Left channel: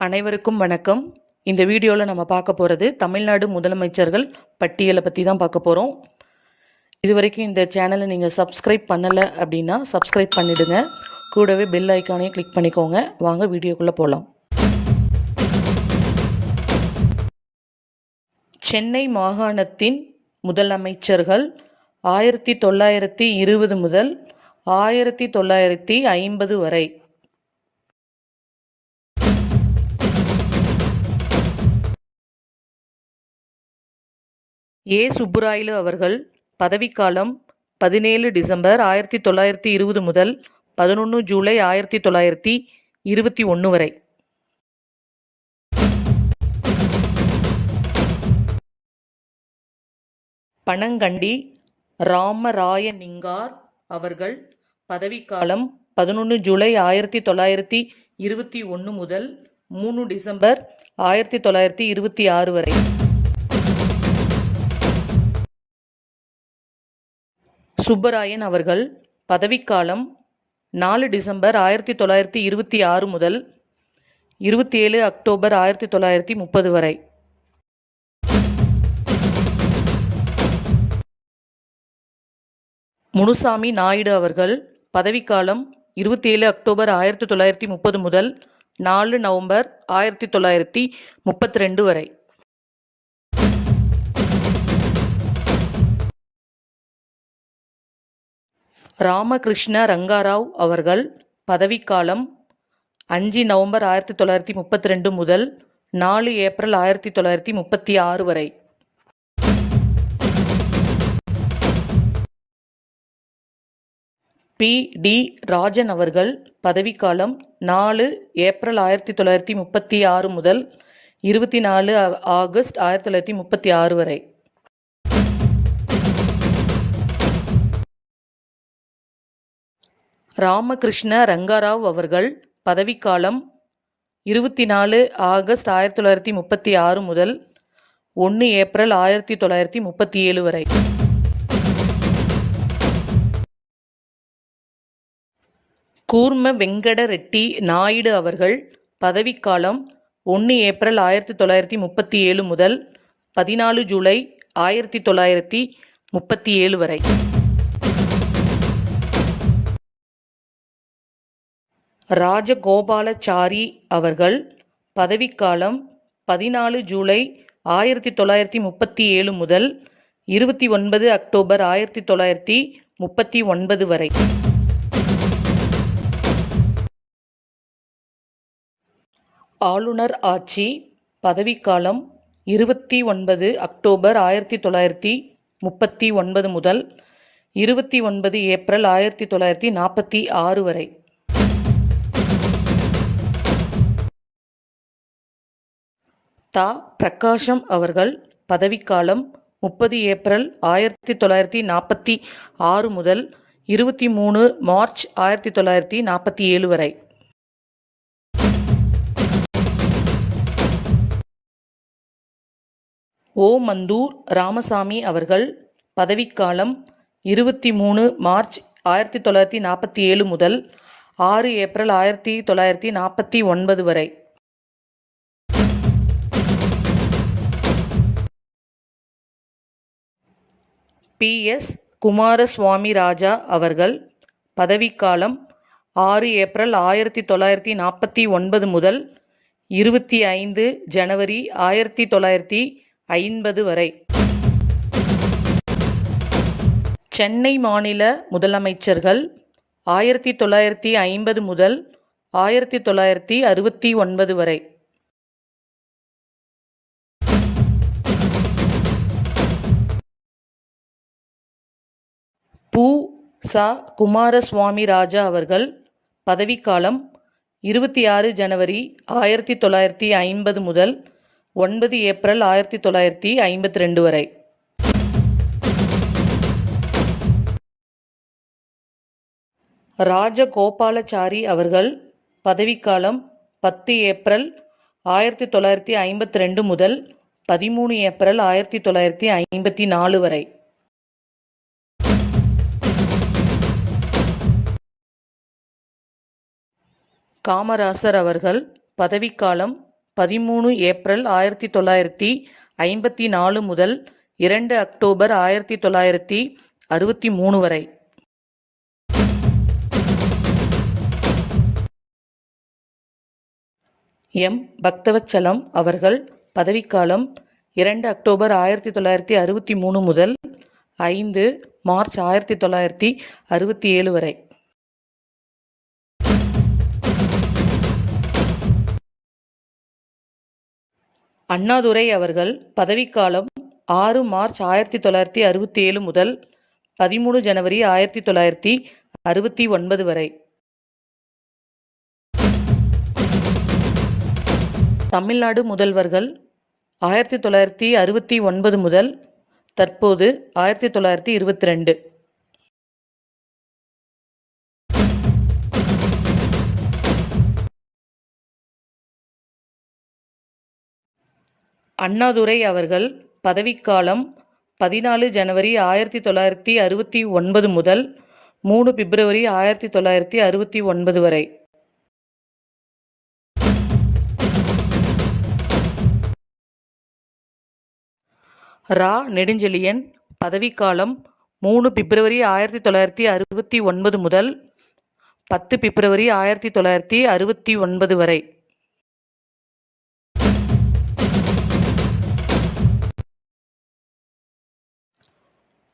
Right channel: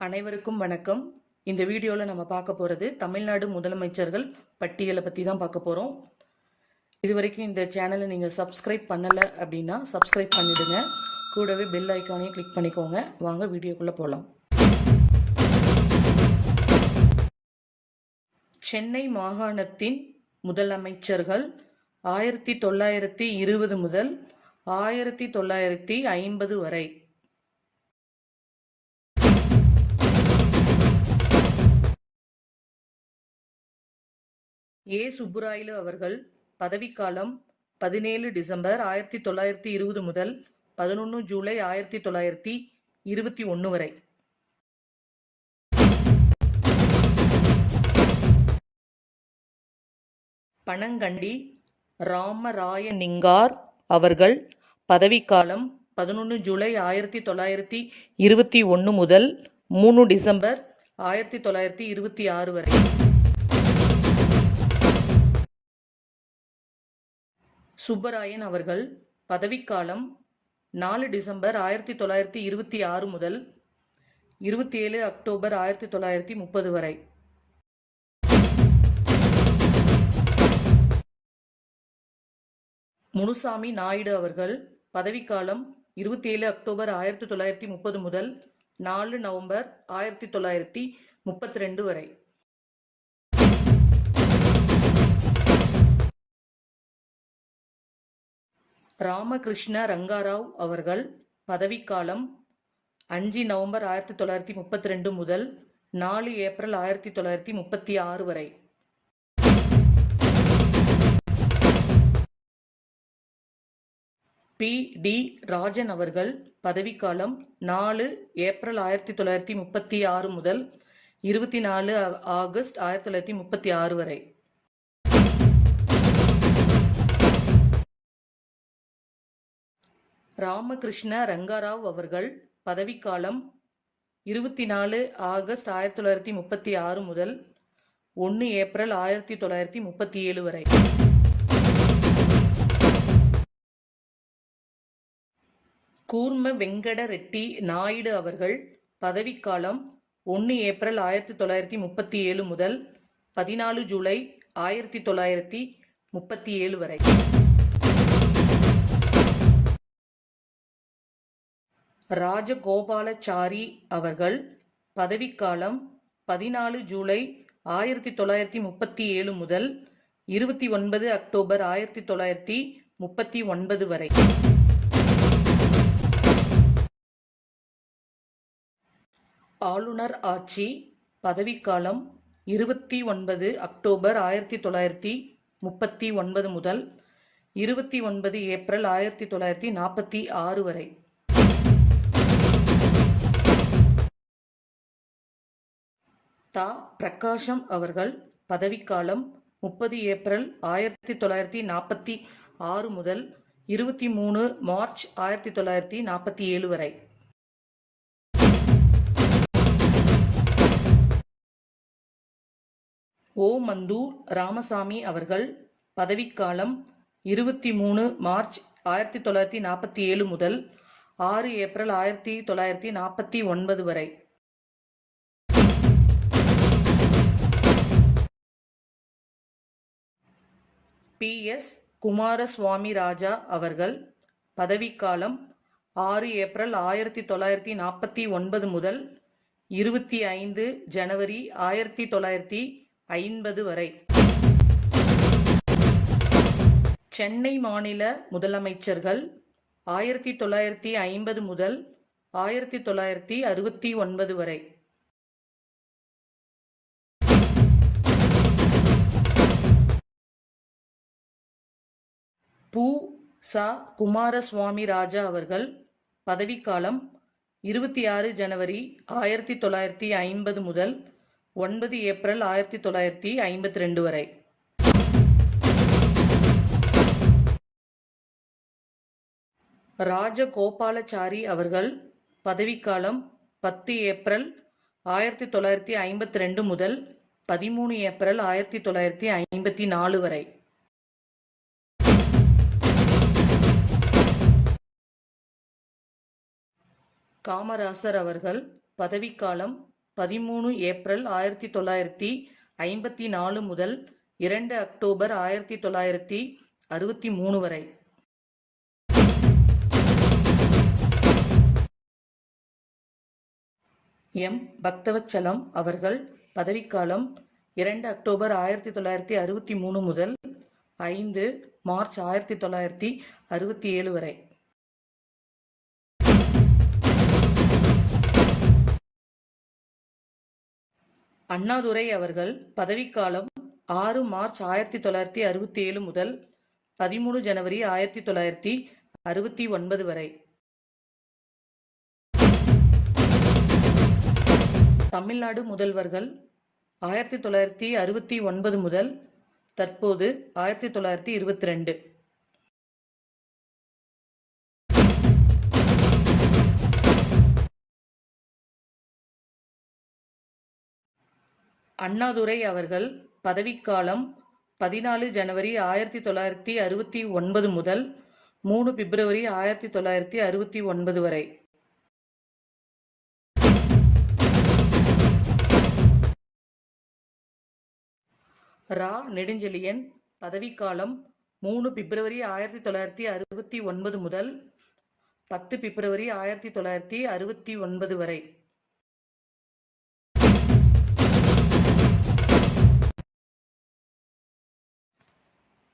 அனைவருக்கும் வணக்கம். இந்த வீடியோவில் நம்ம பார்க்க போகிறது தமிழ்நாடு முதலமைச்சர்கள் பட்டியலை பற்றி தான் பார்க்க போகிறோம் இது வரைக்கும் இந்த சேனலை நீங்கள் சப்ஸ்கிரைப் பண்ணலை அப்படின்னா சப்ஸ்கிரைப் பண்ணிவிடுங்க கூடவே பெல் ஐக்கானையும் கிளிக் பண்ணிக்கோங்க. வாங்க வீடியோக்குள்ளே போகலாம் சென்னை மாகாணத்தின் முதலமைச்சர்கள் ஆயிரத்தி தொள்ளாயிரத்தி இருபது முதல் ஆயிரத்தி தொள்ளாயிரத்தி ஐம்பது வரை ஏ. சுப்புராயலு அவர்கள் பதவிக்காலம் பதினேழு டிசம்பர் ஆயிரத்தி தொள்ளாயிரத்தி இருபது முதல் பதினொன்று ஜூலை ஆயிரத்தி தொள்ளாயிரத்தி இருபத்தி ஒன்று வரை. பனங்கண்டி ராமராயனிங்கார் அவர்கள் பதவிக்காலம் பதினொன்று ஜூலை ஆயிரத்தி தொள்ளாயிரத்தி இருபத்தி ஒன்று முதல் மூணு டிசம்பர் ஆயிரத்தி தொள்ளாயிரத்தி இருபத்தி ஆறு வரை. சுப்பராயன் அவர்கள் பதவிக்காலம் நாலு டிசம்பர் ஆயிரத்தி தொள்ளாயிரத்தி இருபத்தி ஆறு முதல் இருபத்தி ஏழு அக்டோபர் ஆயிரத்தி தொள்ளாயிரத்தி முப்பது வரை. முனுசாமி நாயுடு அவர்கள் பதவிக்காலம் இருபத்தி ஏழு அக்டோபர் ஆயிரத்தி தொள்ளாயிரத்தி முப்பது முதல் நாலு நவம்பர் ஆயிரத்தி தொள்ளாயிரத்தி முப்பத்தி ரெண்டு வரை. ராமகிருஷ்ண ரங்காராவ் அவர்கள் பதவிக்காலம் அஞ்சு நவம்பர் ஆயிரத்தி தொள்ளாயிரத்தி முப்பத்தி ரெண்டு முதல் நாலு ஏப்ரல் ஆயிரத்தி தொள்ளாயிரத்தி முப்பத்தி ஆறு வரை. பி. டி. ராஜன் அவர்கள் பதவிக்காலம் நாலு ஏப்ரல் ஆயிரத்தி தொள்ளாயிரத்தி முப்பத்தி ஆறு முதல் இருபத்தி நாலு ஆகஸ்ட் ஆயிரத்தி தொள்ளாயிரத்தி முப்பத்தி ஆறு வரை. ராமகிருஷ்ண ரங்காராவ் அவர்கள் பதவிக்காலம் இருபத்தி நாலு ஆகஸ்ட் ஆயிரத்தி தொள்ளாயிரத்தி முப்பத்தி ஆறு முதல் ஒன்று ஏப்ரல் ஆயிரத்தி தொள்ளாயிரத்தி முப்பத்தி ஏழு வரை. கூர்ம வெங்கட ரெட்டி நாயுடு அவர்கள் பதவிக்காலம் ஒன்று ஏப்ரல் ஆயிரத்தி தொள்ளாயிரத்தி முப்பத்தி ஏழு முதல் பதினாலு ஜூலை ஆயிரத்தி தொள்ளாயிரத்தி முப்பத்தி ஏழு வரை. ராஜகோபாலாச்சாரி அவர்கள் பதவிக்காலம் பதினாலு ஜூலை ஆயிரத்தி தொள்ளாயிரத்தி முப்பத்தி ஏழு முதல் இருபத்தி ஒன்பது அக்டோபர் ஆயிரத்தி தொள்ளாயிரத்தி முப்பத்தி ஒன்பது வரை. ஆளுநர் ஆட்சி பதவிக்காலம் இருபத்தி ஒன்பது அக்டோபர் ஆயிரத்தி தொள்ளாயிரத்தி முப்பத்தி ஒன்பது முதல் இருபத்தி ஒன்பது ஏப்ரல் ஆயிரத்தி தொள்ளாயிரத்தி நாற்பத்தி ஆறு வரை. தா. பிரகாஷம் அவர்கள் பதவிக்காலம் முப்பது ஏப்ரல் ஆயிரத்தி தொள்ளாயிரத்தி நாற்பத்தி ஆறு முதல் இருபத்தி மூணு மார்ச் ஆயிரத்தி தொள்ளாயிரத்தி நாற்பத்தி ஏழு வரை. ஓ. மந்தூர் ராமசாமி அவர்கள் பதவிக்காலம் இருபத்தி மூணு மார்ச் ஆயிரத்தி தொள்ளாயிரத்தி நாற்பத்தி ஏழு முதல் ஆறு ஏப்ரல் ஆயிரத்தி தொள்ளாயிரத்தி நாற்பத்தி ஒன்பது வரை. பி எஸ் குமாரசுவாமி ராஜா அவர்கள் பதவிக்காலம் ஆறு ஏப்ரல் ஆயிரத்தி தொள்ளாயிரத்தி நாற்பத்தி ஒன்பது முதல் இருபத்தி ஐந்து ஜனவரி ஆயிரத்தி தொள்ளாயிரத்தி ஐம்பது வரை. சென்னை மாநில முதலமைச்சர்கள் ஆயிரத்தி தொள்ளாயிரத்தி ஐம்பது முதல் ஆயிரத்தி தொள்ளாயிரத்தி அறுபத்தி ஒன்பது வரை. ச. குமாரசுவாமி ராஜா அவர்கள் பதவிக்காலம் இருபத்தி ஆறு ஜனவரி ஆயிரத்தி தொள்ளாயிரத்தி ஐம்பது முதல் ஒன்பது ஏப்ரல் ஆயிரத்தி தொள்ளாயிரத்தி ஐம்பத்தி ரெண்டு வரை. ராஜகோபாலச்சாரி அவர்கள் பதவிக்காலம் பத்து ஏப்ரல் ஆயிரத்தி தொள்ளாயிரத்தி ஐம்பத்தி ரெண்டு முதல் பதிமூணு ஏப்ரல் ஆயிரத்தி தொள்ளாயிரத்தி ஐம்பத்தி நாலு வரை. காமராசர் அவர்கள் பதவிக்காலம் பதிமூணு ஏப்ரல் ஆயிரத்தி தொள்ளாயிரத்தி ஐம்பத்தி நாலு முதல் இரண்டு அக்டோபர் ஆயிரத்தி தொள்ளாயிரத்தி அறுபத்தி மூணு வரை. எம். பக்தவச்சலம் அவர்கள் பதவிக்காலம் இரண்டு அக்டோபர் ஆயிரத்தி தொள்ளாயிரத்தி அறுபத்தி மூணு முதல் ஐந்து மார்ச் ஆயிரத்தி தொள்ளாயிரத்தி அறுபத்தி ஏழு வரை. அண்ணாதுரை அவர்கள் பதவிக்காலம் ஆறு மார்ச் ஆயிரத்தி தொள்ளாயிரத்தி அறுபத்தி ஏழு முதல் பதிமூணு ஜனவரி ஆயிரத்தி தொள்ளாயிரத்தி அறுபத்தி ஒன்பது வரை. தமிழ்நாடு முதல்வர்கள் ஆயிரத்தி தொள்ளாயிரத்தி அறுபத்தி ஒன்பது முதல் தற்போது ஆயிரத்தி தொள்ளாயிரத்தி இருபத்தி ரெண்டு. அண்ணாதுரை அவர்கள் பதவிக்காலம் பதினாலு ஜனவரி ஆயிரத்தி தொள்ளாயிரத்தி அறுபத்தி ஒன்பது முதல் மூணு பிப்ரவரி ஆயிரத்தி தொள்ளாயிரத்தி அறுபத்தி ஒன்பது வரை. ரா. நெடுஞ்செழியன் பதவிக்காலம் மூணு பிப்ரவரி ஆயிரத்தி தொள்ளாயிரத்தி அறுபத்தி ஒன்பது முதல் பத்து பிப்ரவரி ஆயிரத்தி தொள்ளாயிரத்தி அறுபத்தி ஒன்பது வரை.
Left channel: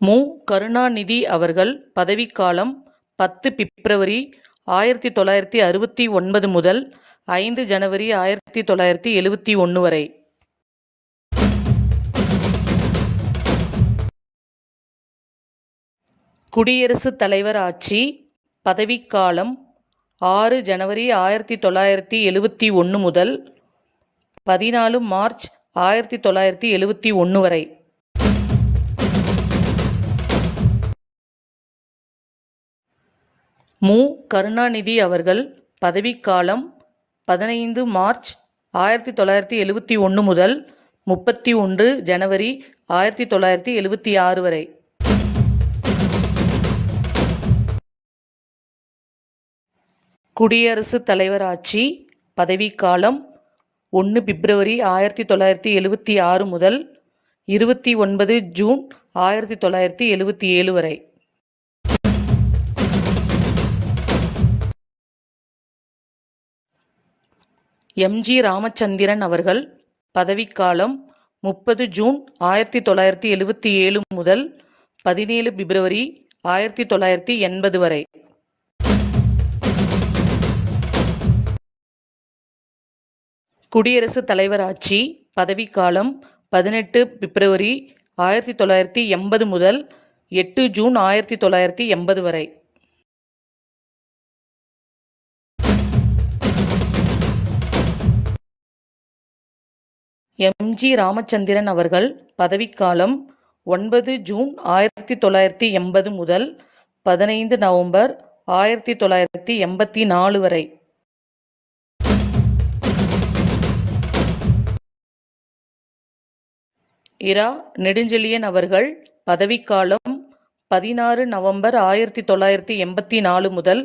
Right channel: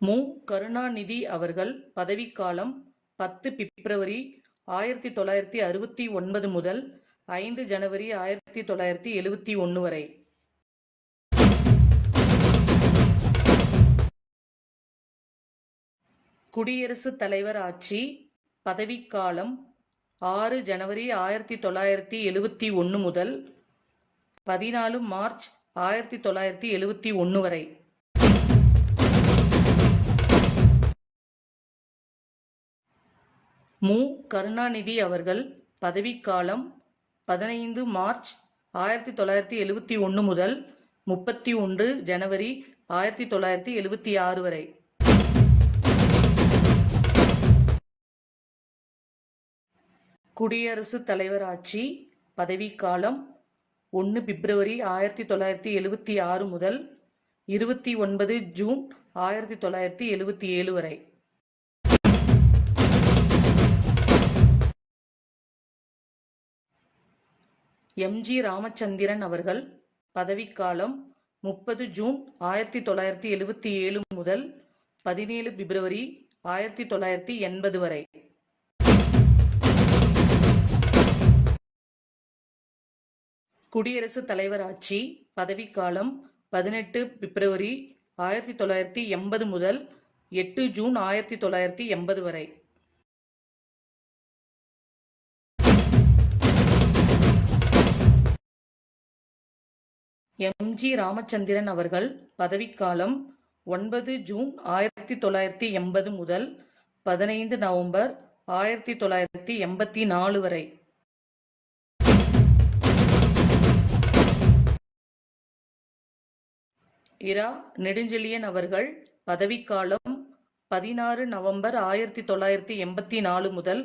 மு. கருணாநிதி அவர்கள் பதவிக்காலம் பத்து பிப்ரவரி ஆயிரத்தி தொள்ளாயிரத்தி அறுபத்தி ஒன்பது முதல் ஐந்து ஜனவரி ஆயிரத்தி தொள்ளாயிரத்தி எழுபத்தி ஒன்று வரை. குடியரசுத் தலைவர் ஆட்சி பதவிக்காலம் ஆறு ஜனவரி ஆயிரத்தி தொள்ளாயிரத்தி எழுபத்தி ஒன்று முதல் பதினாலு மார்ச் ஆயிரத்தி தொள்ளாயிரத்தி எழுபத்தி ஒன்று வரை. மு. கருணாநிதி அவர்கள் பதவிக்காலம் பதினைந்து மார்ச் ஆயிரத்தி தொள்ளாயிரத்தி எழுபத்தி ஒன்று முதல் முப்பத்தி ஒன்று ஜனவரி ஆயிரத்தி தொள்ளாயிரத்தி எழுபத்தி ஆறு வரை. குடியரசுத் தலைவர் ஆட்சி பதவிக்காலம் ஒன்று பிப்ரவரி ஆயிரத்தி தொள்ளாயிரத்தி எழுபத்தி ஆறு முதல் இருபத்தி ஒன்பது ஜூன் ஆயிரத்தி தொள்ளாயிரத்தி எழுபத்தி ஏழு வரை. எம்ஜி ராமச்சந்திரன் அவர்கள் பதவிக்காலம் முப்பது ஜூன் ஆயிரத்தி தொள்ளாயிரத்தி எழுபத்தி ஏழு முதல் பதினேழு பிப்ரவரி ஆயிரத்தி தொள்ளாயிரத்தி எண்பது வரை. குடியரசுத் தலைவர் ஆட்சி பதவிக்காலம் பதினெட்டு பிப்ரவரி ஆயிரத்தி தொள்ளாயிரத்தி எண்பது முதல் எட்டு ஜூன் ஆயிரத்தி தொள்ளாயிரத்தி எண்பது வரை. எம்ஜி ராமச்சந்திரன் அவர்கள் பதவிக்காலம் ஒன்பது ஜூன் ஆயிரத்தி தொள்ளாயிரத்தி எண்பது முதல் பதினைந்து நவம்பர் ஆயிரத்தி தொள்ளாயிரத்தி எண்பத்தி நாலு வரை. இரா நெடுஞ்செழியன் அவர்கள் பதவிக்காலம் பதினாறு நவம்பர் ஆயிரத்தி தொள்ளாயிரத்தி எண்பத்தி நாலு முதல்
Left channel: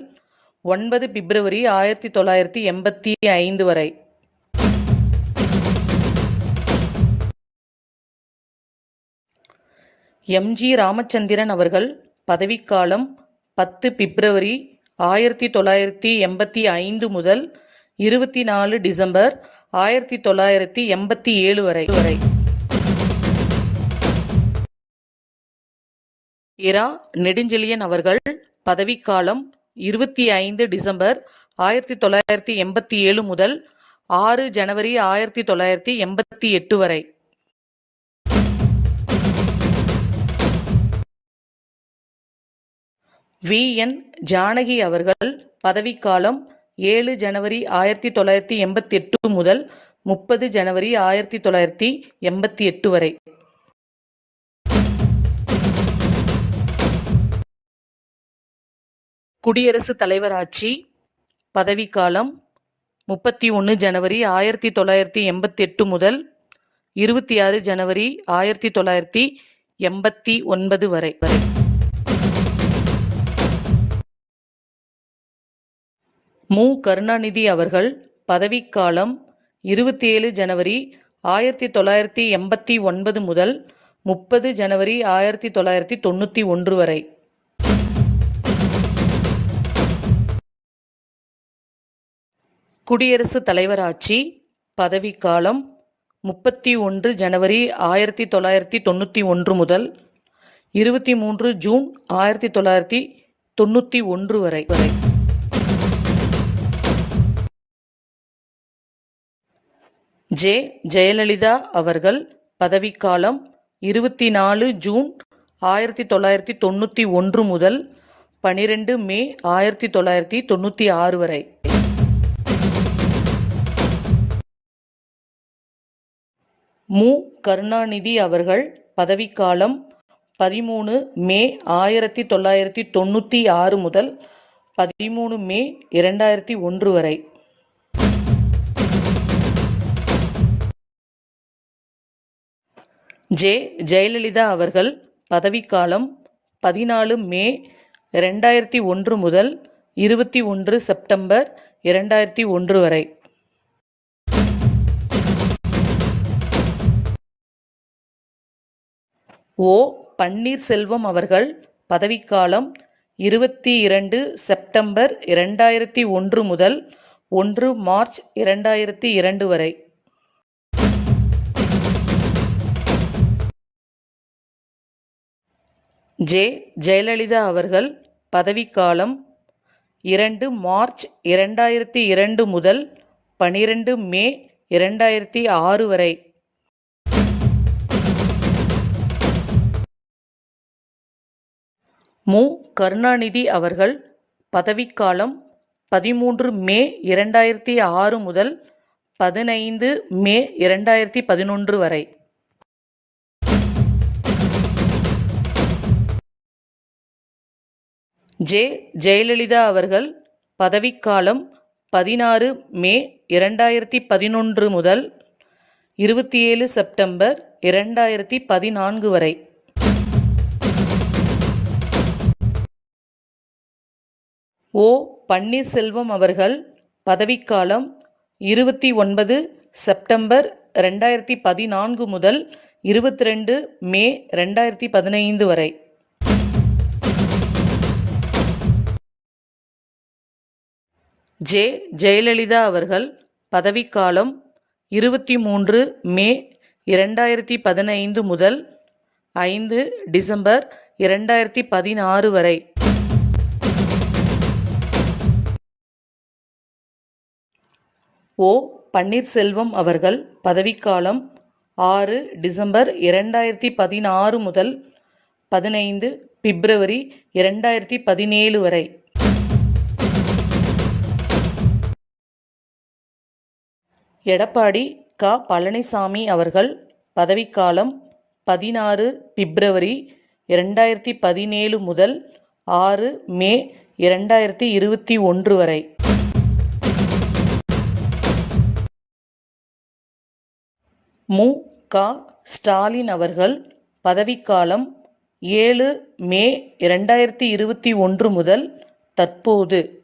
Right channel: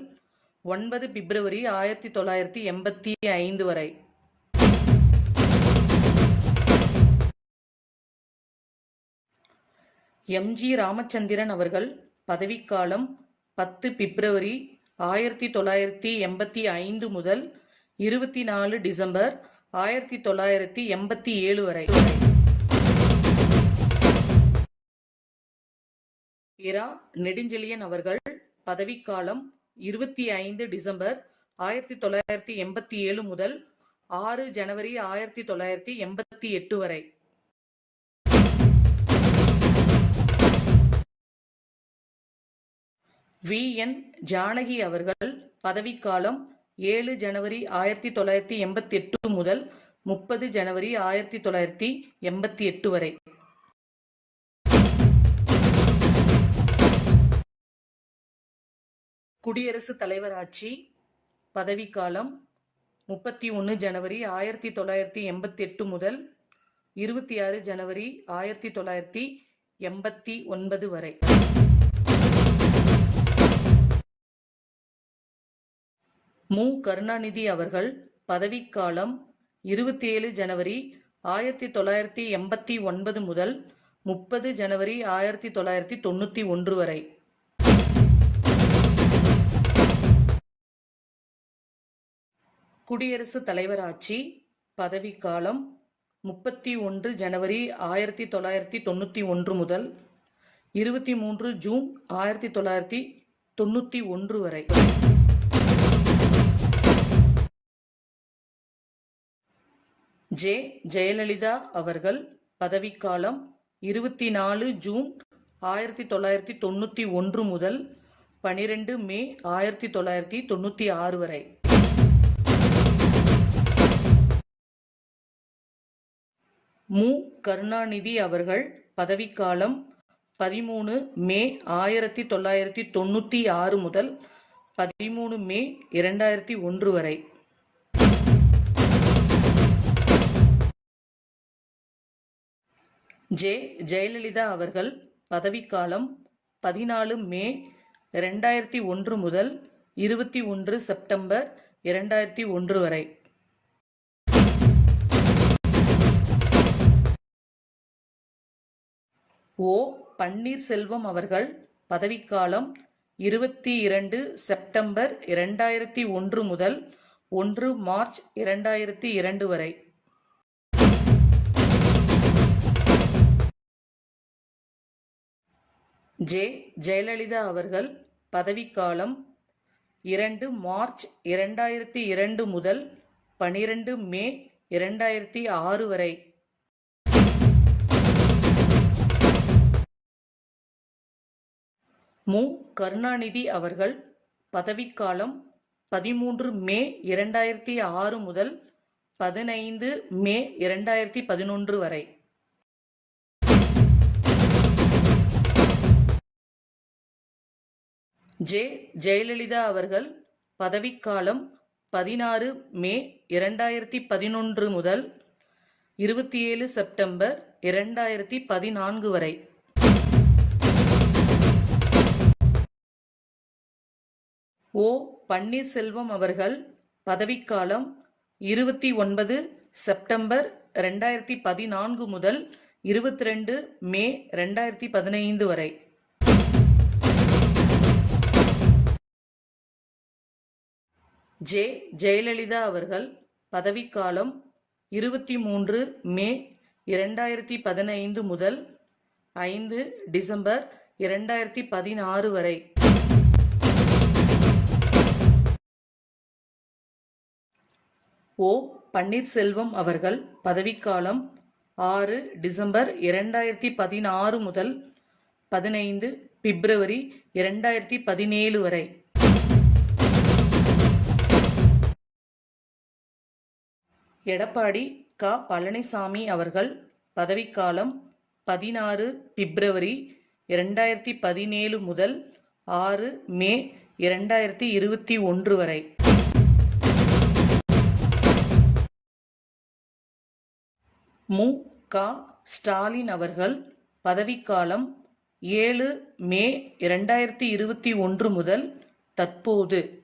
ஒன்பது பிப்ரவரி ஆயிரத்தி தொள்ளாயிரத்தி எண்பத்தி ஐந்து வரை. எம்ஜி ராமச்சந்திரன் அவர்கள் பதவிக்காலம் பத்து பிப்ரவரி ஆயிரத்தி தொள்ளாயிரத்தி எண்பத்தி ஐந்து முதல் இருபத்தி நாலு டிசம்பர் ஆயிரத்தி தொள்ளாயிரத்தி எண்பத்தி ஏழு வரை வரை. இரா நெடுஞ்செழியன் அவர்கள் பதவிக்காலம் இருபத்தி ஐந்து டிசம்பர் ஆயிரத்தி தொள்ளாயிரத்தி எண்பத்தி ஏழு முதல் ஆறு ஜனவரி ஆயிரத்தி தொள்ளாயிரத்தி எண்பத்தி எட்டு வரை. வி. என். ஜானகி அவர்கள் பதவிக்காலம் ஏழு ஜனவரி ஆயிரத்தி தொள்ளாயிரத்தி எண்பத்தி எட்டு முதல் முப்பது ஜனவரி ஆயிரத்தி தொள்ளாயிரத்தி எண்பத்தி எட்டு வரை. குடியரசுத் தலைவர் ஆட்சி பதவிக்காலம் முப்பத்தி ஒன்று ஜனவரி ஆயிரத்தி தொள்ளாயிரத்தி எண்பத்தி எட்டு முதல் இருபத்தி ஆறு ஜனவரி ஆயிரத்தி தொள்ளாயிரத்தி எண்பத்தி ஒன்பது வரை. மு. கருணாநிதி அவர்கள் பதவிக்காலம் இருபத்தி ஏழு ஜனவரி ஆயிரத்தி தொள்ளாயிரத்தி எண்பத்தி ஒன்பது முதல் முப்பது ஜனவரி ஆயிரத்தி தொள்ளாயிரத்தி தொண்ணூற்றி ஒன்று வரை. குடியரசுத் தலைவர் ஆட்சி பதவிக்காலம் முப்பத்தி ஒன்று ஜனவரி ஆயிரத்தி தொள்ளாயிரத்தி தொண்ணூற்றி ஒன்று முதல் இருபத்தி மூன்று ஜூன் ஆயிரத்தி தொள்ளாயிரத்தி தொண்ணூற்றி ஒன்று வரை வரை. ஜே ஜெயலலிதா அவர்கள் பதவிக்காலம் இருபத்தி நாலு ஜூன் ஆயிரத்தி தொள்ளாயிரத்தி தொண்ணூற்றி ஒன்று முதல் பனிரெண்டு மே ஆயிரத்தி தொள்ளாயிரத்தி தொண்ணூற்றி ஆறு வரை. மு. கருணாநிதி அவர்கள் பதவிக்காலம் பதிமூணு மே ஆயிரத்தி தொள்ளாயிரத்தி தொண்ணூற்றி ஆறு முதல் பதிமூணு மே இரண்டாயிரத்தி ஒன்று வரை. ஜே ஜெயலலிதா அவர்கள் பதவிக்காலம் பதினாலு மே ரெண்டாயிரத்தி ஒன்று முதல் இருபத்தி ஒன்று செப்டம்பர் இரண்டாயிரத்தி ஒன்று வரை. ஓ பன்னீர்செல்வம் அவர்கள் பதவிக்காலம் இருபத்தி இரண்டு செப்டம்பர் இரண்டாயிரத்தி ஒன்று முதல் ஒன்று மார்ச் இரண்டாயிரத்தி இரண்டு வரை. ஜே. ஜெயலலிதா அவர்கள் பதவிக்காலம் இரண்டு மார்ச் இரண்டாயிரத்தி இரண்டு முதல் பனிரெண்டு மே இரண்டாயிரத்தி ஆறு வரை. மு. கருணாநிதி அவர்கள் பதவிக்காலம் பதிமூன்று மே இரண்டாயிரத்தி ஆறு முதல் பதினைந்து மே இரண்டாயிரத்தி பதினொன்று வரை. ஜே ஜெயலலிதா அவர்கள் பதவிக்காலம் பதினாறு மே இரண்டாயிரத்தி பதினொன்று முதல் இருபத்தி ஏழு செப்டம்பர் இரண்டாயிரத்தி பதினான்கு வரை. ஓ பன்னீர்செல்வம் அவர்கள் பதவிக்காலம் இருபத்தி ஒன்பது செப்டம்பர் ரெண்டாயிரத்தி பதினான்கு முதல் இருபத்தி ரெண்டு மே ரெண்டாயிரத்தி பதினைந்து வரை. ஜே ஜெயலலிதா அவர்கள் பதவிக்காலம் இருபத்தி மூன்று மே இரண்டாயிரத்தி பதினைந்து முதல் ஐந்து டிசம்பர் இரண்டாயிரத்தி பதினாறு வரை. ஓ பன்னீர்செல்வம் அவர்கள் பதவிக்காலம் ஆறு டிசம்பர் இரண்டாயிரத்தி பதினாறு முதல் பதினைந்து பிப்ரவரி இரண்டாயிரத்தி பதினேழு வரை. எடப்பாடி க. பழனிசாமி அவர்கள் பதவிக்காலம் பதினாறு பிப்ரவரி இரண்டாயிரத்தி பதினேழு முதல் ஆறு மே இரண்டாயிரத்தி இருபத்தி ஒன்று வரை. மு. க. ஸ்டாலின் அவர்கள் பதவிக்காலம் ஏழு மே இரண்டாயிரத்தி இருபத்தி ஒன்று முதல் தற்போது.